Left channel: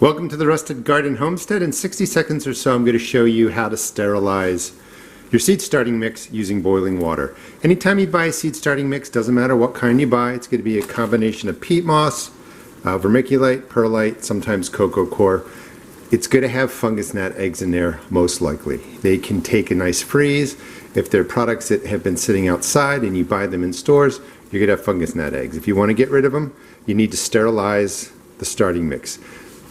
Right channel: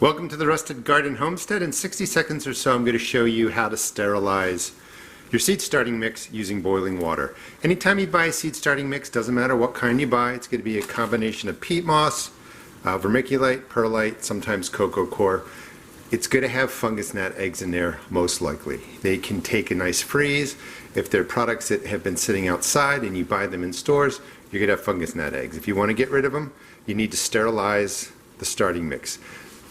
Welcome to the Rusted Garden Homestead. In 60 seconds or so I'm going to show you how to sterilize your seed starting mix using boiling water. Anytime you buy a seed starting mix, doesn't matter what kind you buy, it's going to be a combination of peat moss, vermiculite, perlite, sometimes cocoa coir. It's going to have fungus gnat eggs in there most likely. They can take a nice freeze. If they're products that have been sitting outside and you buy them in stores, you're going to have fungus gnat eggs. If you want to get rid of them, you need to sterilize the starting mix.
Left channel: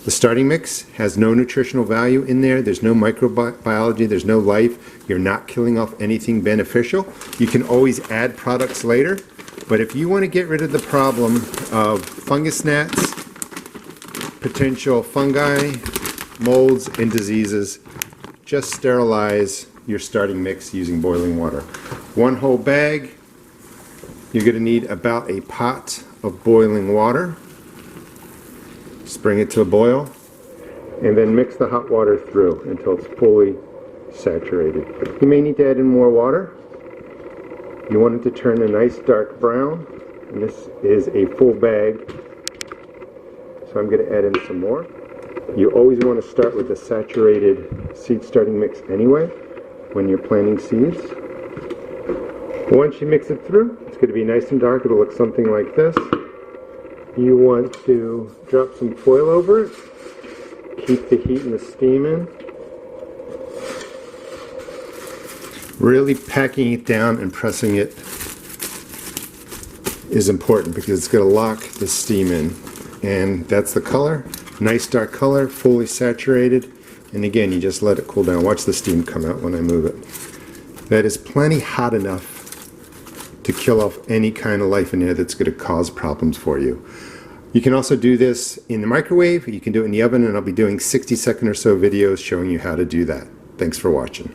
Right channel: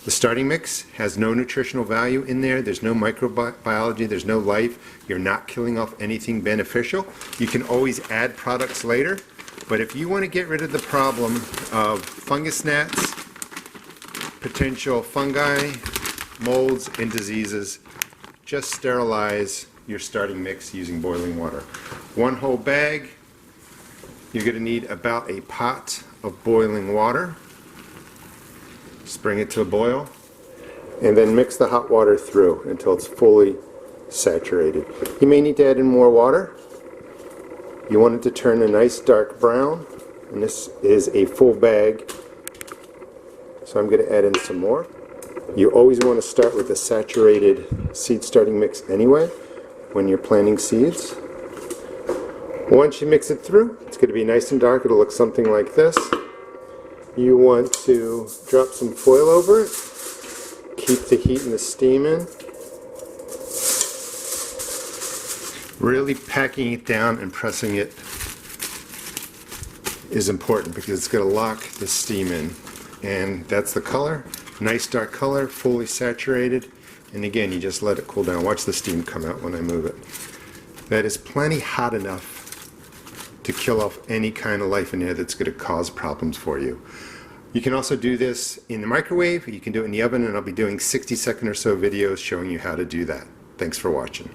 The starting mix has no nutritional value in there. There's no microbiology. There's no life. You're not killing off anything beneficial. You can always add products later, but if you want to get rid of the problem of fungus gnats, potential fungi, molds, and diseases, just sterilize your starting mix using boiling water. One whole bag, you're going to need about a pot of boiling water. Just bring it to a boil and then mix the hot water through until it's fully saturated. You may need to add in more water. You want it to turn a nice dark brown, and this is a full bag, so I'm going to add in some more. You always want to start with a saturated seed starting mix anyway when you're planting seeds. Once you mix it through, it's going to be nice and dark. It'll look something like this. You want to drop some foil over it, keep the heat and the steam in. Really packing it down and pressing it is important because it's going to lock the steam in. And that's the color, nice dark color, fully saturated. And again, you just let it cool down. Watch the steam come out when I move it. That is plenty hot enough to kill off any kind of life in there that's going to cause problems for you. You can also do this in the microwave, you can do it in the oven, and I'll be doing 60-second or so videos showing you how to do that. Thanks for watching.